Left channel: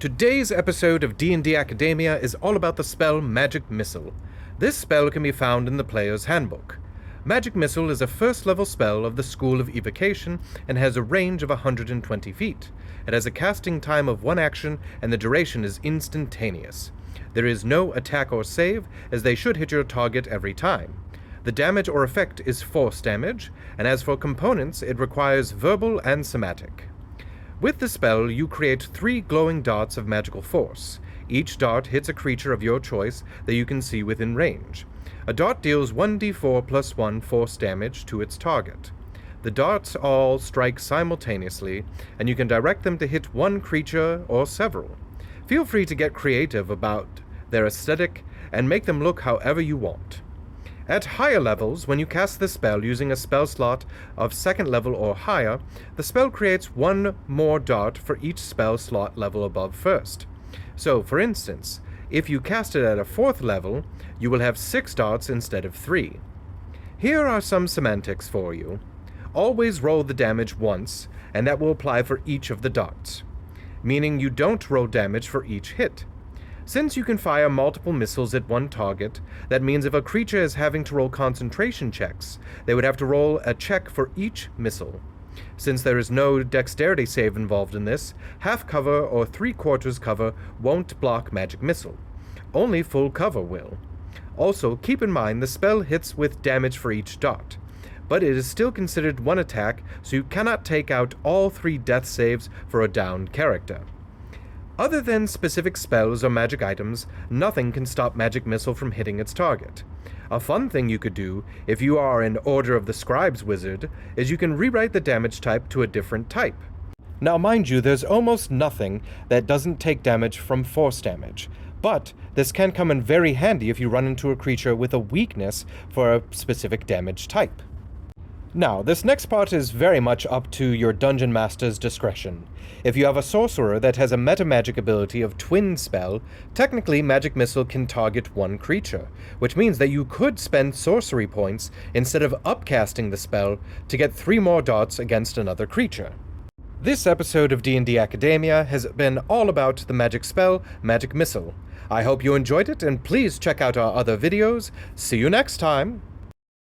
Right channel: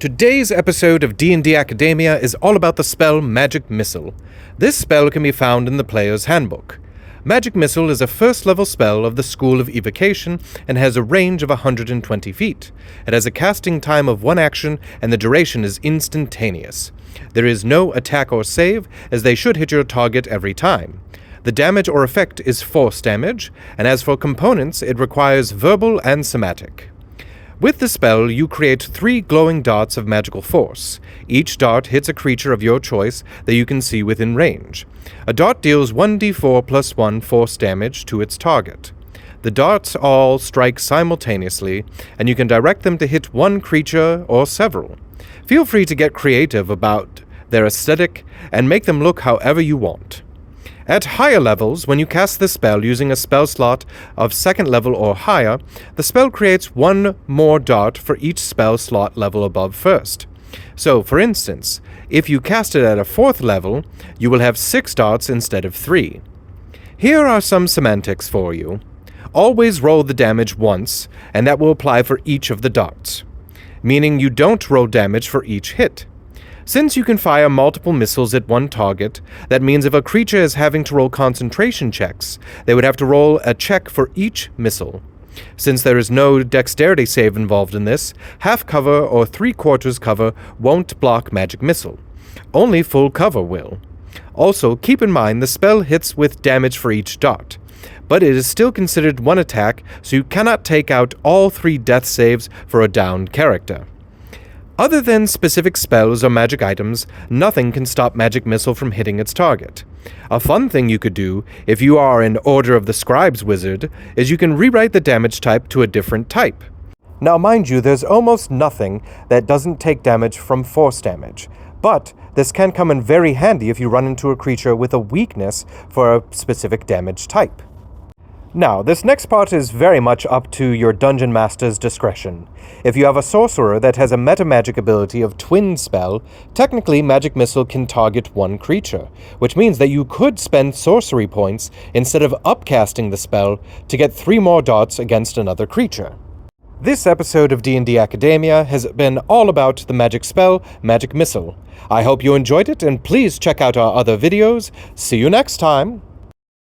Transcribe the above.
Today's episode of D&D Academia is all about the spell Magic Missile. This spell can be found in the player's handbook. Magic Missile is a first-level spell of the School of Evocation and has a range of 120 feet. It has a casting time of 1 action and the duration is instantaneous. There is no attack or save, as they should hit your target every time. The damage or effect is force damage, and as for components, it requires verbal and somatic. With the spell, you create 3 glowing darts of magical force. Each dart hits a creature of your choice that you can see within range. A dart deals 1d4 plus 1 force damage to its target. The darts all strike simultaneously, and you can direct them to hit one creature or several. Feel free to get creative about their aesthetic and make them look however you want. At higher levels, when you cast the spell using a spell slot of 2nd level or higher, the spell creates 1 more dart for each spell slot level above 1st. So, for instance, if you cast it at a 4th level, you will have 6 darts instead of 3. Here are some semantics for you. Always roll the damage once, and that will apply for each of the darts, meaning you don't roll damage for each hit. Since you can fire multiple missiles at one target, that means if a creature is having to roll concentration checks, they would have to roll a check for each missile. Since there is no dexterity save involved in this, half cover or 3/4 cover won't block Magic Missile. Only full cover will. Also, keep in mind the spell hits with damage for each dart, but it is still considered one attack, so you cannot take out all 3 death saves for a downed character. Other than specific spells or magic items, nothing can stop Magic Missile from hitting its target. A fun thing you could do, if you are an Order of the Scribes wizard, is you can rewrite the damage type to a different type. Now mind you, there's almost nothing that doesn't take damage from force damage, but this can come in very handy if you run into a creature with a weakness for a specific damage type. Now, this next part is very much up to your Dungeon Master's discretion. If you have a sorcerer that has a metamagic ability of Twin Spell, technically Magic Missile can target 1 creature, which means that you could spend sorcery points instead of upcasting the spell to get 3 more darts against another creature. This episode of D&D Academia has been all about the magic spell, Magic Missile. I hope you enjoyed it, and please check out our other videos. See you next time!